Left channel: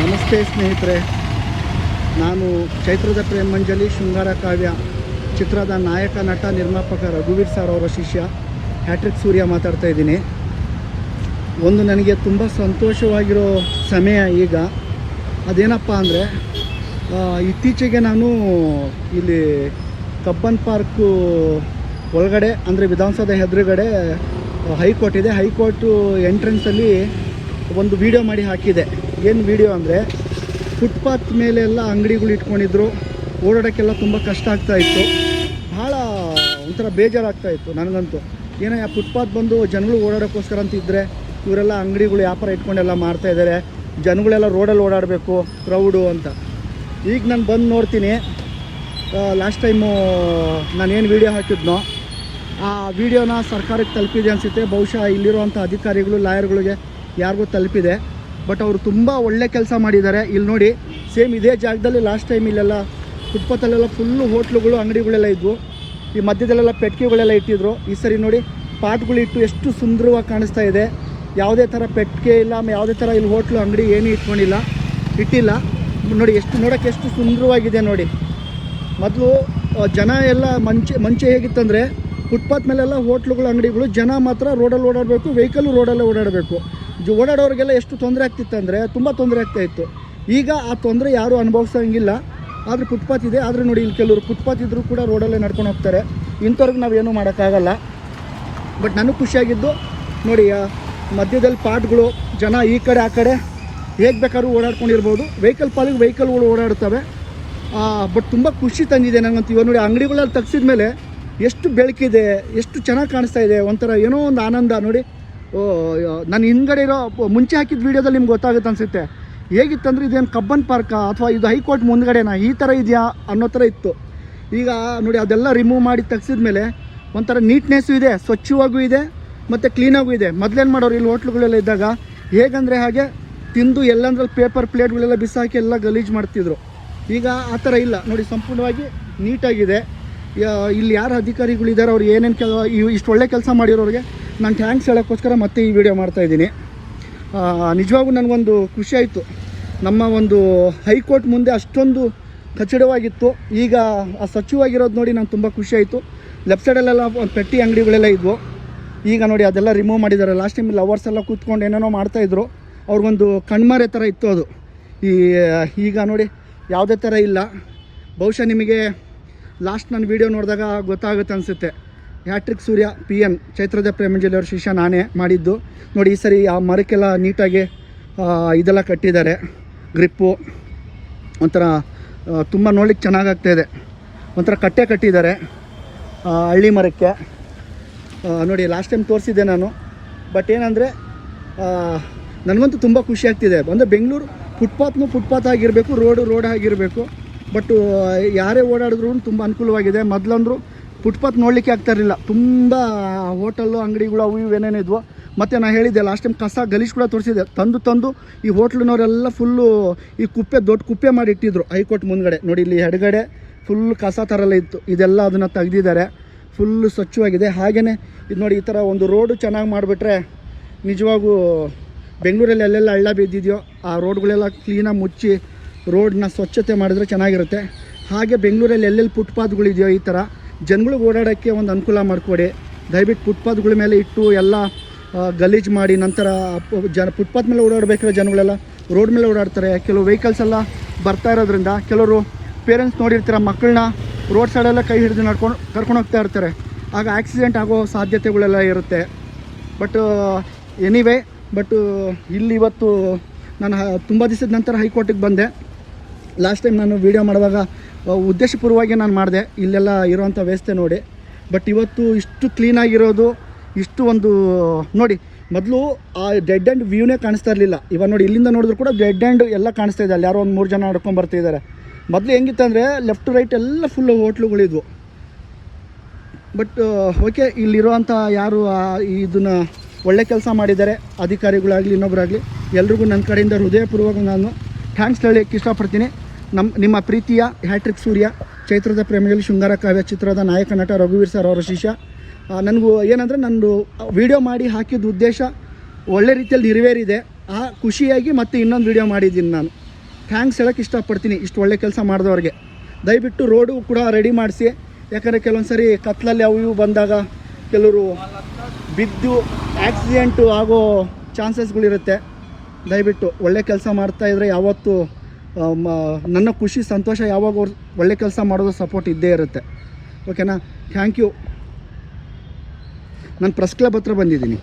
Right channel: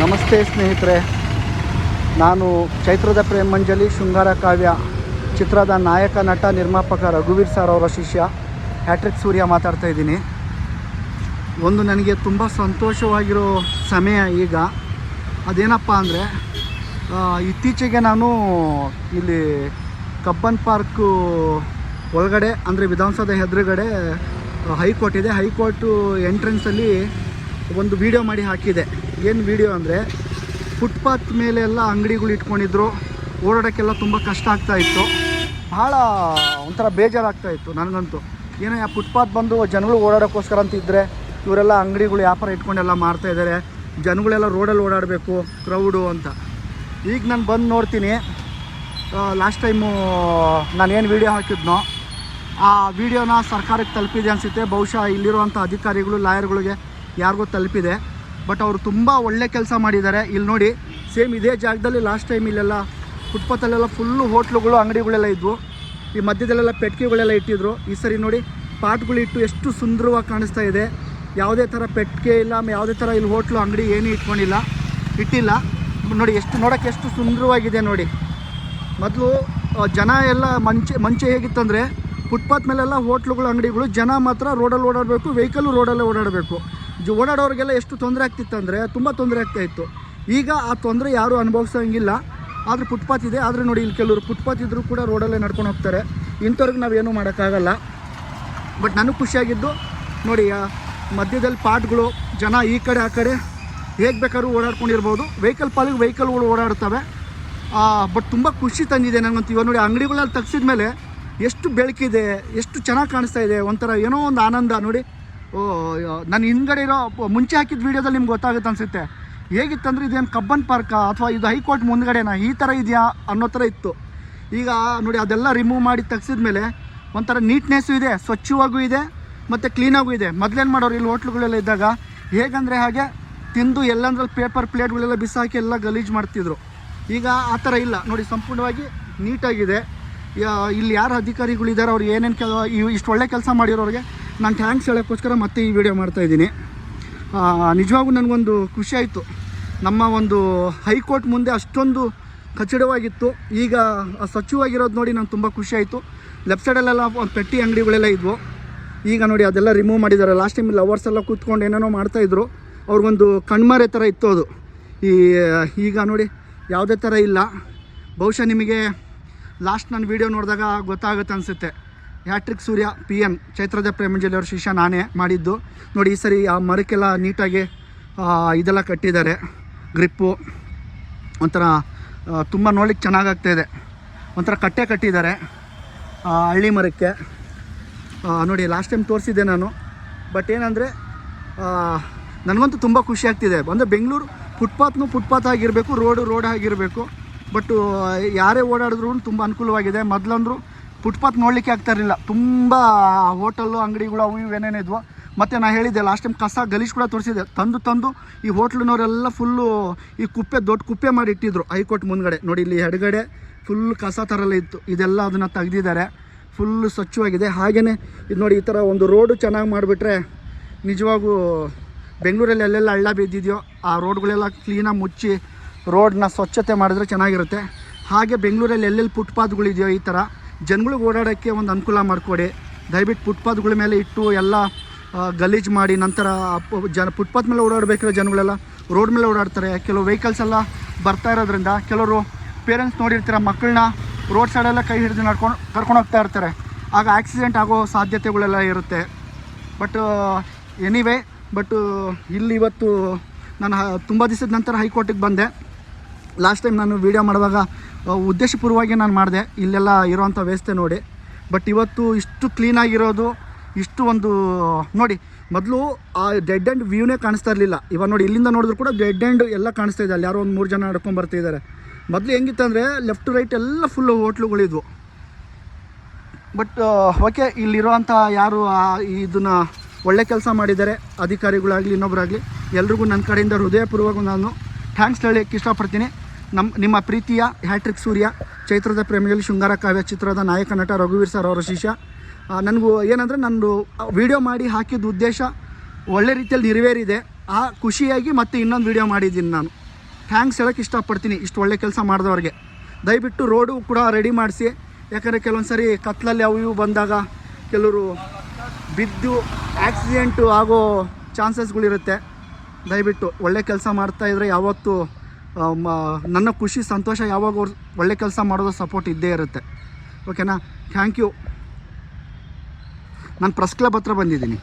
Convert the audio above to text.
ನಮಸ್ತೆ ಸ್ನೇಹಿತರೆ, ನಾನು ಚೈತ್ರದ ಪ್ರೇಮಂಜಲಿ ಶೃಂಗಾರ ಕಾವ್ಯ ಚಿತ್ರದ ನಾಯಕ ನಟ ನಿರ್ಮಾಪಕ ರಘುವೀರ್ ಸರ್ ಅವರ ಶಿಷ್ಯ ಹ್ಯಾಟ್ರಿಕ್ ಸೂರ್ಯ ಮಾತಾಡ್ತಾ ಇದ್ದೀನಿ. ಒಂದು ನನಗೆ ತುಂಬ ಸಂತೋಷವಾಗಿರೋ ಸಮಯ ಈಗ. ಅದೇನಪ್ಪ ಅಂದರೆ, ಇತ್ತೀಚೆಗೆ ನಾನು ಇಲ್ಲಿ ಕಬ್ಬನ್ ಪಾರ್ಕು ಒಳಗಡೆ ಅಂದರೆ ವಿಧಾನಸೌಧ ಎದುರುಗಡೆ ಹೈಕೋರ್ಟ್ ಇದೆ. ಹೈಕೋರ್ಟು ಎಂಟ್ರೆನ್ಸಲ್ಲಿ ಒಂದು ವಿಡಿಯೋ ಮಾಡಿ ಹಾಕಿದೆ. ಏನು ವಿಡಿಯೋ ಅಂದರೆ, ಫುಟ್ಪಾತ್ ಮೇಲೆಲ್ಲ ಅಂಗಡಿಗಳು ಇಟ್ಕೊಂಡಿದ್ರು, ಓಡಾಡೋಕ್ಕೆಲ್ಲ ತುಂಬ ಕಷ್ಟ ಆಗ್ತಾಯಿತ್ತು. ಭಾಳ ಒಂಥರ ಬೇಜಾರಾಗ್ತಾಯಿತ್ತು ನನಗಂತೂ. ಏನೋ ಆ ಫುಟ್ಪಾತ್ ಬಂದು ಜನಗಳು ಓಡಾಡೋಕ್ಕೋಸ್ಕರ ಅಂತಿದ್ದರೆ ಇವರೆಲ್ಲ ಅಂಗಡಿಗಳು ವ್ಯಾಪಾರ ಇಟ್ಕೊಂಡೆಲ್ಲ ಮಾಡ್ತಾಯಿದ್ದಾರೆ, ಜನಗಳೆಲ್ಲ ರೋಡಲ್ಲಿ ಓಡಾಡಬೇಕು ಕ್ರೌಡು ಅಂತ. ಈಗ ನಾನು ಬಂದು ನೋಡ್ತೀನಿ, ಲಾಸ್ಟ್ ಟೈಮು ನಾನೇನು ವೀಡಿಯೋ ಹಾಕಿದ್ನೋ ಆ ವಿಡಿಯೋನ ಸರ್ಕಾರಕ್ಕೆ ತಲುಪಿದೆ ಅನಿಸುತ್ತೆ. ಬಹುಶಃ ಇಲ್ಲಿರುವಂಥ ಅಧಿಕಾರಿಗಳು ಲಾಯರ್ಗಳಿಗೆ ಯಾರಿಗೂ ತಲುಪಿದೆ. ಬಟ್ ಅವರು ತುಂಬ ಒಳ್ಳೆ ಕೆಲಸ ಮಾಡಿದ್ದಾರೆ. ಇಲ್ಲಿ ನೋಡಿ, ಸೇಮ್ ಇದೇ ಜಾಗದಲ್ಲಿ ಲಾಸ್ಟ್ ಟೈಮ್ ಇಲ್ಲೆಲ್ಲ ಫುಟ್ಪಾತಲ್ಲೆಲ್ಲ ಫುಲ್ಲು ಹೋಟ್ಲುಗಳು ಅಂಗಡಿಗಳೆಲ್ಲ ಇದ್ವು. ಈ ಮಧ್ಯದಲ್ಲೆಲ್ಲ ಪೆಟ್ಟಿಗೆಗಳೆಲ್ಲ ಇಟ್ಟಿದ್ರು. ಈ ಸರಿ ನೋಡಿ ಪಾಟ್ಗಳಿಟ್ಟು ಎಷ್ಟು ಸುಂದರವಾಗಿ ಕಾಣಿಸ್ತಾ ಇದೆ. ಯಾವುದೇ ಥರ ಪೆಟ್ಟಿಗೆ ಇಲ್ಲ, ಯಾವುದೇ ಥರ ಇಲ್ಲಿ ಹೋಟ್ಲು ಅಂಗಡಿ ಏನೂ ಇಟ್ಟಿಲ್ಲ. ನೋಡಿ ಎಷ್ಟು ನೋಡೋಕ್ಕೆ ಎಷ್ಟು ಸುಂದರವಾಗಿದೆ ನೋಡಿ. ಮೊದಲು ಜನ ಎಲ್ಲ ಮಂಚೆ ಹೇಗಿತ್ತಂದರೆ, ಫುಟ್ಪಾತ್ ಮೇಲೆಲ್ಲ ಹೋಟ್ಲುಗಳು ಅಂಗಡಿಗಳು, ಜನ ಮಾತ್ರ ರೋಡಲ್ಲಿ ಓಡಾಡಬೇಕು, ವೆಹಿಕಲ್ಲು ರೋಡಲ್ಲೇ ಓಡಾಡಬೇಕು. ಓಡಾಡೋರಿಗೆಲ್ಲ ಎಷ್ಟು ತೊಂದರೆ ಆಗ್ತಿತ್ತಂದರೆ ತುಂಬ ತೊಂದರೆ ಆಗ್ತಾಯಿತ್ತು. ಈಗ ಆ ತೊಂದರೆ ಯಾರೂ ಅನುಭವಿಸೋಂಗಿಲ್ಲ. ಆದರೆ ಫುಟ್ಪಾತ್ ಇದೆ. ಆದರೆ ನೋಡಿ, ಇಲ್ಲಿ ಕೆಲವರು ಫುಟ್ಪಾತ್ ಇದ್ದರೂ ಕೂಡ ರೋಡಲ್ಲೇ ನಡ್ಕೊಂಡು ಹೋಗ್ತಾರೆ. ಇಂಥವ್ರಿಗೆ ನಾವೇನೂ ಮಾಡೋಕ್ಕಾಗಲ್ಲ. ಬಟ್ ನನಗೆ ಖುಷಿಯಾಗಿದ್ದು ನೋಡಿ, ಮಧ್ಯದಲ್ಲಿ ಪಾಟ್ಗಳು, ಜನ ಈ ಕಡೆ ಆ ಕಡೆ ಹೇಗೆ ಬೇಕಾದ್ರೂ ಓಡಾಡ್ಕೊಂಡಿರ್ಬೋದು. ವೆಹಿಕಲ್ ಪಾಲಿಗೆ ವೆಹಿಕಲ್ಗಳು ಓಡಾಡ್ತವೆ. ಬಟ್ ತುಂಬ ಖುಷಿ ತಂದಿದೆ ನನಗಂತೂ. ಇವಾಗ ನೋಡಿ, ಅಂಗಡಿಗಳಲ್ಲಿ ತೆಗ್ಸಿದ ಮೇಲೆ ಎಷ್ಟು ಬೆಳಕಿದೆ, ಎಷ್ಟು ಚೆನ್ನಾಗಿ ಕಾಣಿಸ್ತಾ ಇದೆ. ಒಂಥರ ಏನೋ ಒಂದು ಆನಂದ ನೋಡಿ. ನಾನು ಹಿಂದ್ಗಡೆ ಇರೋ ಮುಂಚೆ ಹಾಕಿದ ವೀಡಿಯೋದಲ್ಲಿ ನಿಮ್ಗೆ ಗೊತ್ತಾಗುತ್ತೆ ಅನಿಸುತ್ತೆ. ಹೇಗಿತ್ತಂದರೆ, ಇದೇನು ಕಬ್ಬನ್ ಪಾರ್ಕಾ ಅಥವಾ ಇದು ಹೈಕೋರ್ಟ್ ಮುಂದ್ಗಡೆನಾ, ಈ ಥರ ಇದೆಯಾ ಅನ್ನೋ ಥರ ಇತ್ತು. ಈಗ ನೋಡಿ, ಅದೆಲ್ಲ ರಿಮೂವ್ ಮಾಡಿ ತೆಗ್ಸಿದ ಮೇಲೆ ಒಂಥರ ನೀಟ್ನೆಸ್ಸು ಇದೆ, ಸ್ವಚ್ಛವಾಗೂ ಇದೆ ಮತ್ತು ಕ್ಲೀನಾಗೂ ಇದೆ. ಮೊದಲೇನು ಮಾಡೋರು ಇಲ್ಲಿ ಹೋಟ್ಲುಗಳೆಲ್ಲ ಇದ್ದಾಗ ಹೇಗಂದರೆ ಹಾಗೆ ತಿಂದು ಎಲ್ಲಂದ್ರಲ್ಲಿ ಪೇಪರ್ ಪ್ಲೇಟ್ಗಳೆಲ್ಲ ಬಿಸಾಕಿ ಎಲ್ಲ ಗಲೀಜು ಮಾಡ್ತಿದ್ರು. ಈಗ ಆ ಥರ ಇಲ್ಲ ನೋಡಿ, ಸಂಪೂರ್ಣವಾಗಿ ನೀಟಾಗಿದೆ. ಇಲ್ಲಿ ಯಾರು ಅಧಿಕಾರಿಗಳಿದ್ದಾರೆ, ಅವ್ರು ಏನೇನು ಇಷ್ಟು ಒಳ್ಳೆ ಕೆಲಸ ಮಾಡಿರೋರಿಗೆ ನಾನು ಥ್ಯಾಂಕ್ಸ್ ಹೇಳೋಕ್ಕೋಸ್ಕರ ಮತ್ತೆ ಈ ವಿಡಿಯೋ ಮಾಡ್ತಾಯಿದ್ದೀನಿ. ನಿಜವಾಗೂ ನನಗೊಂದು ಖುಷಿ ಆಯಿತು. ನಮ್ಮ ಒಂದು ಹೈಕೋರ್ಟ್ ಮುಂದೆ ಅಷ್ಟೊಂದು ಕಚ್ಚಡವಾಗಿತ್ತು, ಈಗ ಆ ಸ್ವಚ್ಛವಾಗಿರೋದು ನೋಡಿ ನಾನು ತುಂಬ ಖುಷಿ ಆಯಿತು. ಲೆಫ್ಟ್ ಸೈಡಲ್ಲೆಲ್ಲ ಒಂದು ಪೆಟ್ಟಿ ಅಂಗಡಿಗಳೆಲ್ಲ ಇದ್ವು. ಈಗ ನೋಡಿ ಅದೆಲ್ಲ ರಿಮೂವ್ ಮಾಡಿದ್ದಾರೆ. ಲಾಸ್ಟ್ ಟೈಮ್ ಲವರ್ಸ್ ಎಲ್ಲ ಕೂತ್ಕೊಂಡು ಏನೇನೋ ಮಾಡ್ತಾಯಿದ್ರು. ಅವ್ರಿಗೊಂದು ಕಣ್ಮರೆ ಥರ ಇತ್ತು ಅದು. ಈಗ ನೋಡಿ ಯಾವುದೇ ಥರ ಇಲ್ಲ. ಬಹುಶಃ ನಿಮಗೆ ಲಾಸ್ಟ್ ನನ್ನ ವೀಡಿಯೋ ನೋಡಿದಾಗ ಗೊತ್ತಾಗುತ್ತೆ ಅನಿಸುತ್ತೆ. ಹ್ಯಾಟ್ರಿಕ್ ಸೂರ್ಯ PN ಚೈತ್ರದ ಪ್ರೇಮಂಜಲಿ ಅವ್ರ ಶಿಷ್ಯ ನಾನೇ ಮಾಡಿದ್ದು. ನೋಡಿ, ಈ ಸರಿ ಆ ಮರಕ್ಕೆಲ್ಲ ನೀಟಾಗಿ ಇದೆಲ್ಲ ಕಟ್ಟಿದ್ದಾರೆ, ಗ್ರಿಪ್ಪು. ಒಂಥರ ತುಂಬ ನೋಡ್ಲಿಕ್ಕೆ ಚೆನ್ನಾಗಾಗ್ತಾಯಿದೆ. ಒಂಥರ ಕಟ್ಟೆ ಕಟ್ಟಿದ್ದಾರೆ ಹಳ್ಳಿ ಮರಕ್ಕೆ. ನೋಡಿ, ಲಾಸ್ಟ್ ಟೈಮ್ ತೋರಿಸಿದ್ದೆ ನಾನು. ಬಟ್ ಏನಂದರೆ, ನನಗಂತೂ ತುಂಬ ಖುಷಿ ಆಗ್ತಿದೆ. ಅಂದರೆ ಬೆಂಗಳೂರು ಫುಟ್ಪಾತ್ ಆಗಿರಬೇಕು, ರೋಡ್ ಆಗಿರಬೇಕು. ಬಟ್ ಯಾರೇ ಓಡಾಡಿದ್ರು ತುಂಬ ಅನುಕೂಲವಾಗಿದೆ. ಮೊದಲಂದ್ರು ಫುಟ್ಪಾತ್ ನೋಡಲಿಕ್ಕೆ ಆಗ್ತಾಯಿರಲಿಲ್ಲ. ತುಂಬ ಹೋಟೆಲ್ಲು ಅಂಗಡಿಗಳು ಅವು ಇವೇನೇನು ಇದ್ವು. ಮತ್ತು ನಾನು ಹೇಳಿದ್ದೆ ಲಾಸ್ಟ್ ಟೈಮ್, ಕಸ ಗಲೀಜು ಕೂಡ ತೋರಿಸಿದ್ದೆ. ತಂದು ಈ ಹೋಟ್ಲಿನವರೆಲ್ಲ ಫುಲ್ಲು ಈ ದೊಡ್ಡ ಕುಪ್ಪೆ ಮಾಡಿ ಇಟ್ಟಿದ್ರು ಹೈಕೋರ್ಟ್ ಮುಂದ್ಗಡೆ. ನೋಡಿ, ಇಲ್ಲಿ ಎಡಗಡೆ ಫುಲ್ ಕಸ ಥರಲ್ಲ ಇತ್ತು. ಇದೆಲ್ಲ ಅದನ್ನು ತೆಗ್ದಿದ್ದಾರೆ, ಫುಲ್ಲು ಸ್ವಚ್ಛವಾಗಿದೆ. ಹಾಗೆಯೇ ಇದು ನೋಡಿ, ಈ ಥರ ಒಂದು ರೋಡು ಚೆನ್ನಾಗಿ ಮಾಡಿಬಿಟ್ರೆ ನಿಜವಾಗೂ ಬೆಂಗಳೂರಲ್ಲಿ ಎಲ್ಲೆಲ್ಲ ಹಳ್ಳ ಬಿದ್ದಿದೆಯೋ ಆ ರೋಡ್ಗಳೆಲ್ಲ ಕ್ಲೀನಾಗಿ ಮುಚ್ಚಿ ರೋಡನ್ನ ಸ್ವಚ್ಛತೆ ಮಾಡಿದ್ರೆ ಚೆನ್ನಾಗಿರುತ್ತೆ. ಹಾಗೆ ಬೆಂಗಳೂರಲ್ಲಿ ಎಲ್ಲೆಲ್ಲಿ ಫುಟ್ಪಾತ್ಗಳಿದೆಯೋ ಈ ಥರ ಜನಗಳಿಗೆ ಓಡಾಡೋಕ್ಕೆ ಒಂದು ಅನುಕೂಲ ಮಾಡಿಕೊಡಿ. ದಯವಿಟ್ಟು ಫುಟ್ಪಾತ್ಗಳ ಮೇಲೆ ಇಟ್ಟು ಎಲ್ಲ ಗಲೀಜು ಮಾಡಿ ನಂತರ ಫುಟ್ಪಾತ್ ಮೇಲೆ ಓಡಾಡಬೇಕಾದ್ರೆ ಜನಗಳೆಲ್ಲ ರೋಡ್ ಮೇಲೆ ಓಡಾಡ್ತಾರೆ. ಕೆಲವು ವೆಹಿಕಲ್ಸ್ ಎಲ್ಲ ಬರ್ತಾ ಇರೋದ್ರಿಂದ ಕೆಲವರು ಪೇರೆಂಟ್ಸ್ ನೋಡಿರ್ತೀರ, ಮಕ್ಕಳನ್ನ ರೋಡ್ ಸೈಡೆಲ್ಲ ಕೈ ಹಿಡಿದು ಕರ್ಕೊಂಡು ಹೋಗ್ತಾ ಇರ್ತಾರೆ. ಆಗ ಆಕ್ಸಿಡೆಂಟ್ ಆಗೋ ಸಾಧ್ಯತೆಗಳೆಲ್ಲ ಇರುತ್ತೆ. ಬಟ್ ಇಲ್ಲಿ ಇವತ್ತು ನಾನು ತುಂಬ ದಿವಸದ ನಂತರ ಹೈಕೋರ್ಟಿಗೆ ಬಂದೆ. ಲಾಸ್ಟ್ ಟೈಮ್ ನಾನು ವೀಡಿಯೋ ಮಾಡುವಾಗ ಉದ್ದೇಶಪೂರ್ವವಾಗಿ ನಾನು ಮಾಡಿದೆ ಇಲ್ಲೆಲ್ಲ ಇರೋವಂಥ ವ್ಯವಸ್ಥೆ ನೋಡಿ. ಬಟ್ ಇವತ್ತು ಇಷ್ಟು ಕ್ಲೀನಾಗಿರೋದು, ಇಷ್ಟು ಒಂದು ನೋಡಿ, ಮೊದಲು ಆ ಡೆಡ್ ಆ್ಯಂಡ್ ವ್ಯೂನೇ ಕಾಣಿಸ್ತಾ ಇರಲಿಲ್ಲ. ಇವಾಗ ನೋಡಿ, ಇಲ್ಲಿಂದ ನೋಡಿದ್ರು ಕೂಡ ಡೆಡ್ ಆ್ಯಂಡ್ ಎಲ್ಲ ಕಾಣಿಸ್ತಾ ಇದೆ. ಅಲ್ಲಿ ಯಾರೋ ಒಂದು 3 ಜನ ನಡ್ಕೊಂಡು ಬರ್ತಿದ್ದಾರೆ. ಮೊದಲು ಹೆಂಗಿತ್ತಂದರೆ ಲೆಫ್ಟ್ ರೈಟ್ ಎಲ್ಲ ಫುಲ್ಲು ಹೋಟ್ಲುಗಳಿದ್ವು. ಬಟ್ ಓಕೆ, ಇಲ್ಲಿರುವಂಥ ಯಾರು ಇದನ್ನು ಒಳ್ಳೆ ಕೆಲಸ ಮಾಡಿದ್ದಾರೆ, ಅಧಿಕಾರಿಗಳಾಗಲಿ ಇನ್ನೊಬ್ಬರಾಗಲಿ, ಎಲ್ರಿಗೂ ನನ್ನ ಕಡೆಯಿಂದ ಹೃದಯಪೂರ್ವಕ ನಾನು ಥ್ಯಾಂಕ್ಸ್ ಹೇಳಕ್ಕೆ ಇಷ್ಟಪಡ್ತೀನಿ. ನಿಮ್ಮ ಪ್ರೀತಿಯ ಹ್ಯಾಟ್ರಿಕ್ ಸೂರ್ಯ ಚೈತ್ರದ ಪ್ರೇಮಜಲಿ ಶೃಂಗಾರ ಕಾವ್ಯ ಚಿತ್ರದ ನಾಯಕ ನಟ ರಘುವೀರ್ ಸರ್ ಅವರ ಶಿಷ್ಯ. ನನಗೂ ಏನಂದರೆ, ನಂದು ವಿಡಿಯೋ ಮಾಡಿ ಹಾಕಿದ ಉದ್ದೇಶ ಒಳ್ಳೆ ರೀತಿಯಲ್ಲಿ ನೆರವೇರಿದೆ. ಆ ಖುಷಿಯಾಗಿ ಮತ್ತೆ ಇನ್ನೊಂದು ವಿಡಿಯೋ ಮಾಡಿದ್ದೀನಿ ನಾನು. ಥ್ಯಾಂಕ್ಸ್ ಹೇಳೋಕ್ಕೆ ಇಷ್ಟಪಡ್ತೀನಿ ಇಷ್ಟು ಒಳ್ಳೆ ಕೆಲಸ ಮಾಡಿದವ್ರಿಗೆ. ದಯವಿಟ್ಟು ರೋಡು ಕೂಡ ರೆಡಿ ಮಾಡಿಸಿ, ಯಾಕಂದರೆ ಕೆಲವೊಂದು ಸರಿ ಕತ್ಲಲ್ಲಿ ಅವು ಇವು ಬಂದಾಗ ಕೆಲವರು ಬಿದ್ದು ಆಕ್ಸಿಡೆಂಟು ಆಗೋ ಚಾನ್ಸಸ್ಗಳಿರುತ್ತೆ. ದಯವಿಟ್ಟು ಒಳ್ಳೆ ಕೆಲಸ ಮಾಡ್ತಾಯಿದ್ರೆ ಯಾವತ್ತೂ ನನ್ನ ಖುಷಿ ಸಂತೋಷ ಯಾವಾಗ ಅವ್ರು ಒಳ್ಳೆ ಕೆಲಸ ಮಾಡೋದು ಸಪೋರ್ಟ್ ಇದ್ದೇ ಇರುತ್ತೆ. ಓಕೆನಾ? Thank you. ನಾನು ಪ್ರೆಸ್ ಕ್ಲಬ್ ಹತ್ರ ಬಂದಿದ್ದೀನಿ.